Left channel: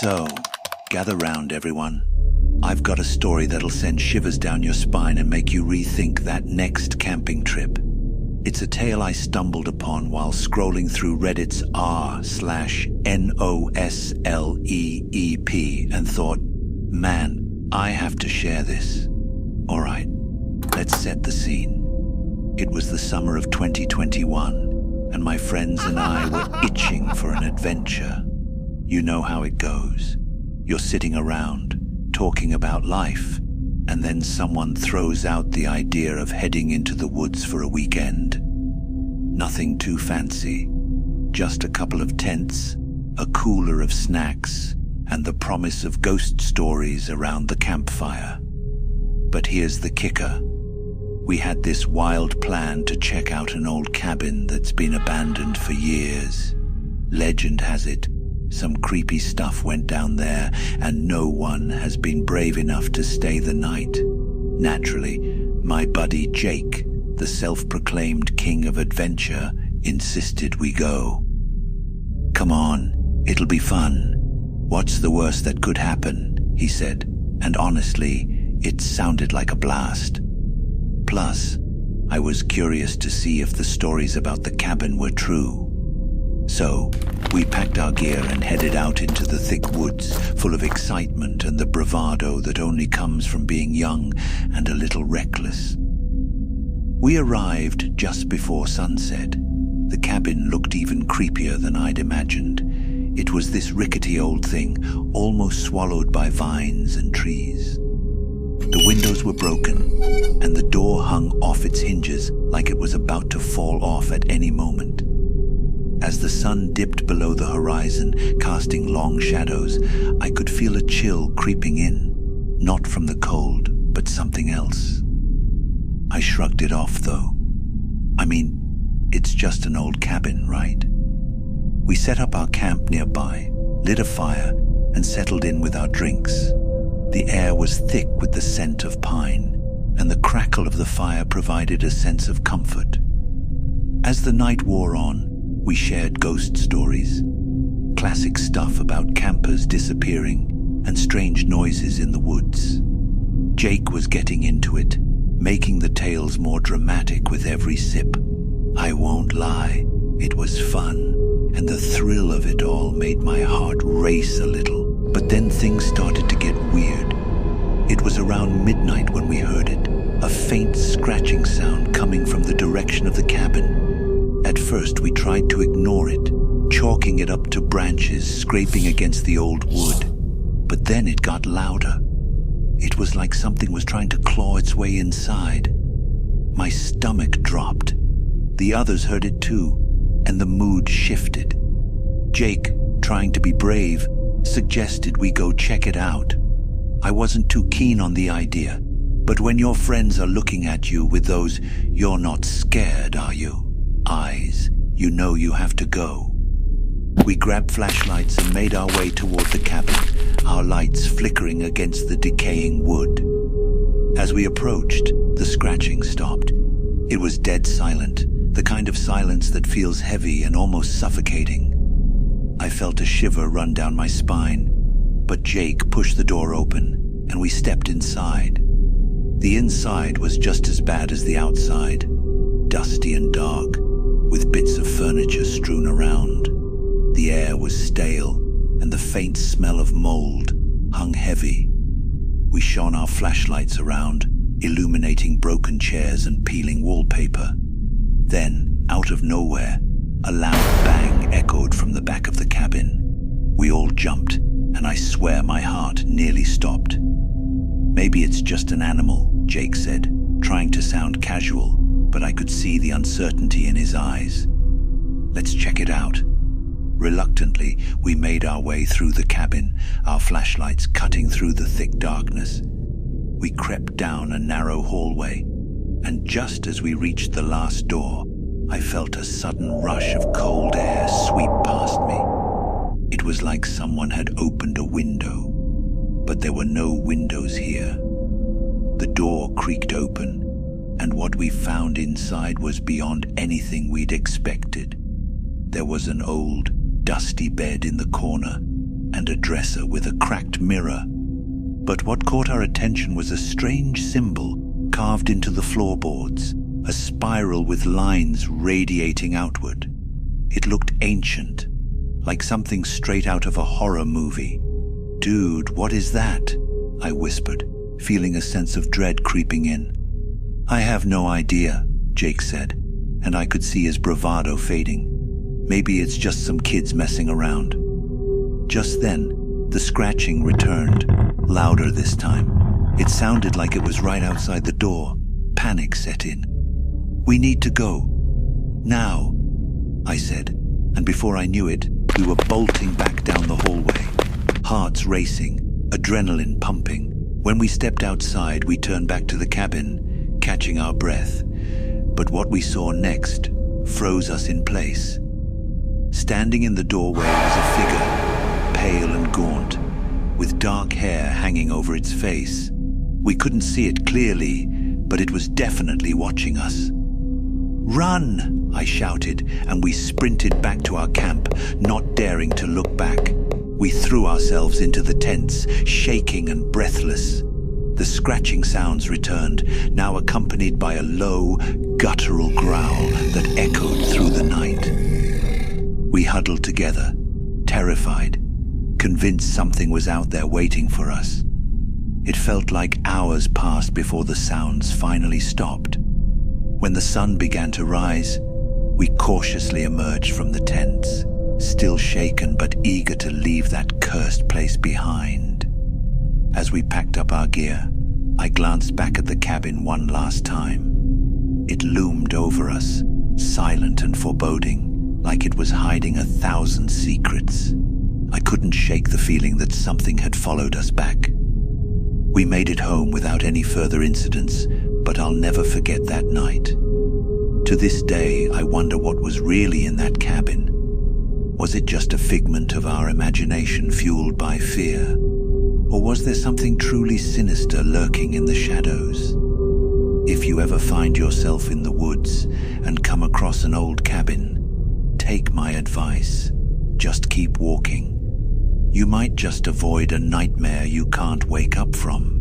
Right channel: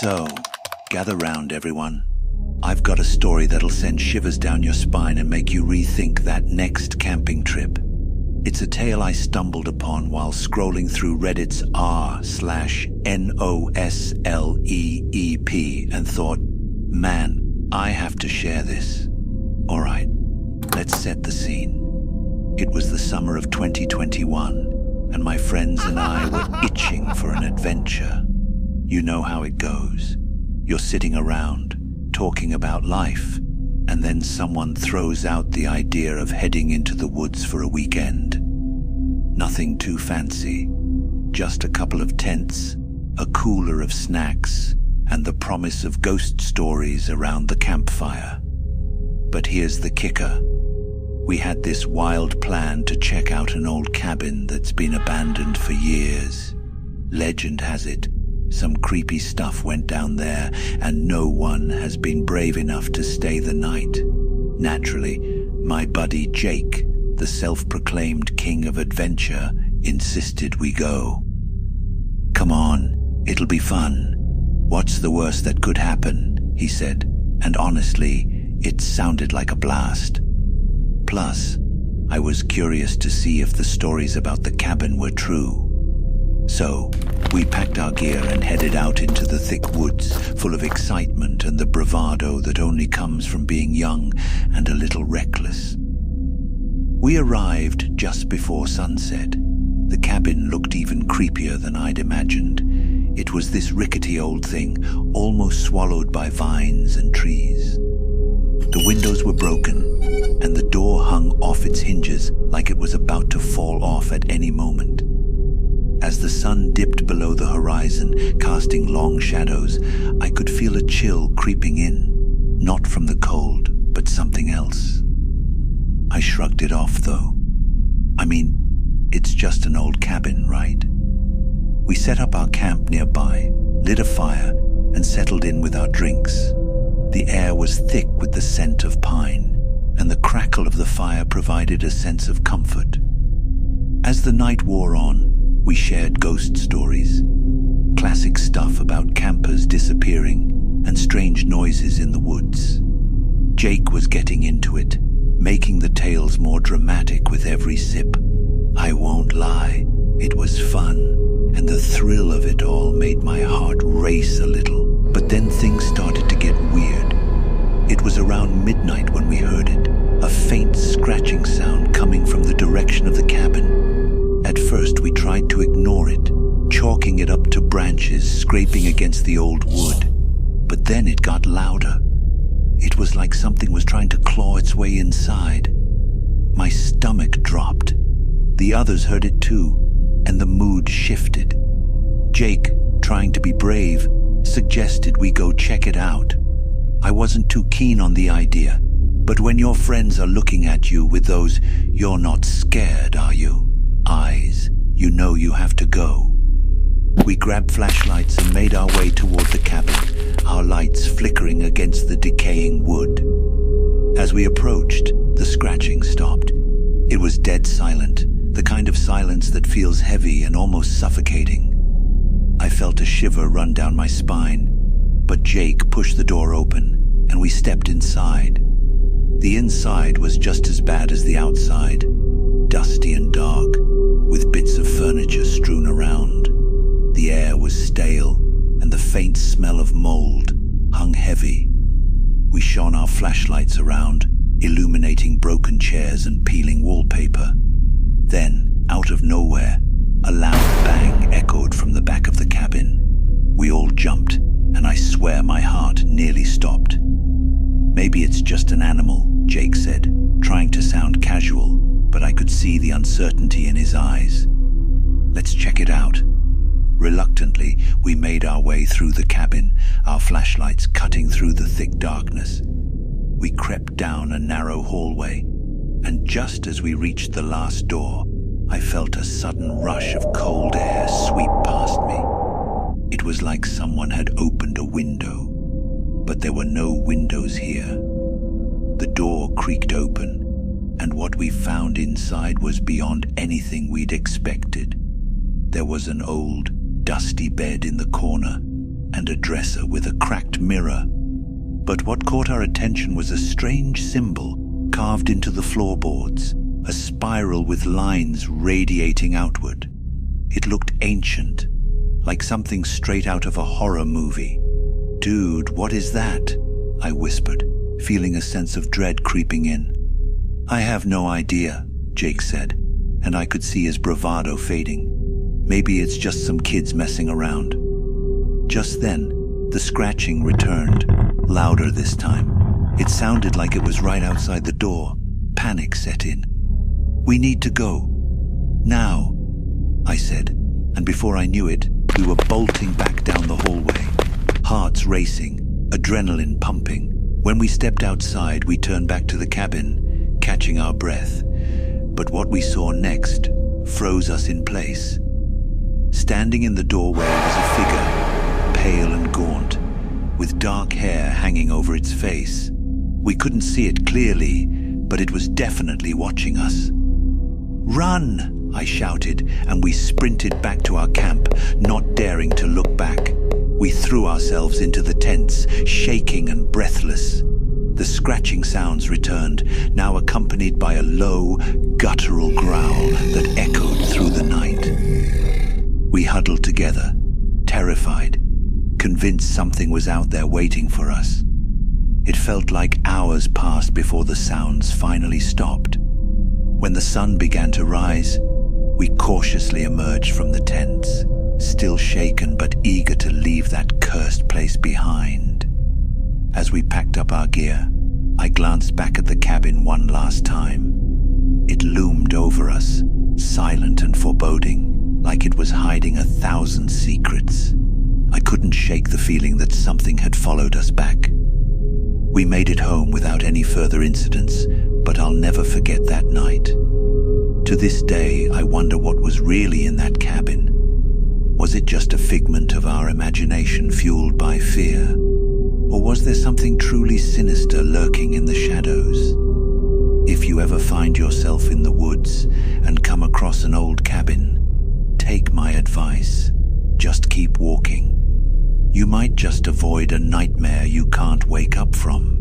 So, gather round, everyone. I've got a story that'll send shivers down your spine and make you rethink that next camping trip. It's a tale I stumbled upon while scrolling through Reddit's r/nosleep and thought, man, I have to share this. All right, let's set the scene. It was the summer of 2021, and my friends and I were itching for an adventure. You know how it goes. You're sitting around, talking about life, and then someone throws out the idea of heading into the woods for a weekend. Nothing too fancy, just a couple of tents, a cooler of snacks, and the promise of ghost stories around the campfire. But here's the kicker. We had this wild plan to check out an old cabin that's been abandoned for years. Legend has it, some creepy stuff went down there, and no one has been brave enough to stay the night. Naturally, my buddy Jake, the self-proclaimed king of adventure, insisted we go. "Come on, it'll be fun. What's the worst that could happen?" he said, and honestly, it sounded like a blast. Plus, I was curious to see if the stories about the cabin were true. So, we packed our gear and headed out into the thick woods, full of excitement and the bravado that only comes from being young and a little reckless. We arrived just before sunset. The cabin looked even creepier than I'd imagined. It was this rickety old thing, almost swallowed by vines and trees. The windows were broken, and the door hung off its hinges like it was about to fall off at any moment. As the sun dipped below the horizon, casting long shadows, I could feel a chill creeping in, not from the cold, but something else. I shrugged it off, though. I mean, it's just an old cabin, right? We set up our camp nearby, lit a fire, and settled in with our drinks. The air was thick with the scent of pine, and the crackle of the fire provided a sense of comfort. As the night wore on, we shared ghost stories, classic stuff about campers disappearing and strange noises in the woods. Jake was getting into it, making the tales more dramatic with every sip. I won't lie, it was fun, and the thrill of it all made my heart race a little. But then things started to get weird. It was around midnight when we heard it, a faint scratching sound coming from the direction of the cabin. At first we tried to ignore it, chalking it up to branches scraping against the old wood. But then it got louder. It was like something was trying to claw its way inside. My stomach dropped. The others heard it too, and the mood shifted. Jake, trying to be brave, suggested we go check it out. I wasn't too keen on the idea, but when your friends are looking at you with those "you're not scared, are you?" eyes, you know you have to go. We grabbed flashlights and made our way toward the cabin, our lights flickering against the decaying wood. As we approached, the scratching stopped. It was dead silent, the kind of silence that feels heavy and almost suffocating. I felt a shiver run down my spine, but Jake pushed the door open, and we stepped inside. The inside was just as bad as the outside, dusty and dark, with bits of furniture strewn around. The air was stale, and the faint smell of mold hung heavy. We shone our flashlights around, illuminating broken chairs and peeling wallpaper. Then, out of nowhere, a loud bang echoed from the back of the cabin. We all jumped, and I swear my heart nearly stopped. "Maybe it's just an animal," Jake said, trying to sound casual, but I could see the uncertainty in his eyes. "Let's check it out." Reluctantly, we made our way through the cabin, our flashlights cutting through the thick darkness. We crept down a narrow hallway, and just as we reached the last door, I felt a sudden rush of cold air sweep past me. It was like someone had opened a window, but there were no windows here. The door creaked open, and what we found inside was beyond anything we'd expected. There was an old, dusty bed in the corner, and a dresser with a cracked mirror. But what caught our attention was a strange symbol carved into the floorboards, a spiral with lines radiating outward. It looked ancient, like something straight out of a horror movie. "Dude, what is that?" I whispered, feeling a sense of dread creeping in. "I have no idea," Jake said, and I could see his bravado fading. "Maybe it's just some kids messing around." Just then, the scratching returned, louder this time. It sounded like it was right outside the door. Panic set in. "We need to go. Now," I said, and before I knew it, we were bolting back down the hallway, hearts racing, adrenaline pumping. When we stepped outside, we turned back to the cabin, catching our breath. But what we saw next froze us in place. Standing in the doorway was a figure, pale and gaunt, with dark hair hanging over its face. We couldn't see it clearly, but it was definitely watching us. "Run!" I shouted, and we sprinted back to our camp, not daring to look back. We threw ourselves into the tents, shaking and breathless. The scratching sounds returned, now accompanied by a low, guttural growl that echoed through the night. We huddled together, terrified, convinced something was out there waiting for us. It felt like hours passed before the sounds finally stopped. When the sun began to rise, we cautiously emerged from the tents, still shaken but eager to leave that cursed place behind. As we packed up our gear, I glanced back at the cabin one last time. It loomed over us, silent and foreboding, like it was hiding 1,000 secrets. I couldn't shake the feeling that something had followed us back. We made it home without any further incidents, but I'll never forget that night. To this day, I wonder what was really in that cabin. Was it just a figment of our imagination fueled by fear? Or was there something truly sinister lurking in the shadows? If you ever find yourself in the woods and come across an old cabin, take my advice. Just keep walking. You might just avoid a nightmare you can't wake up from.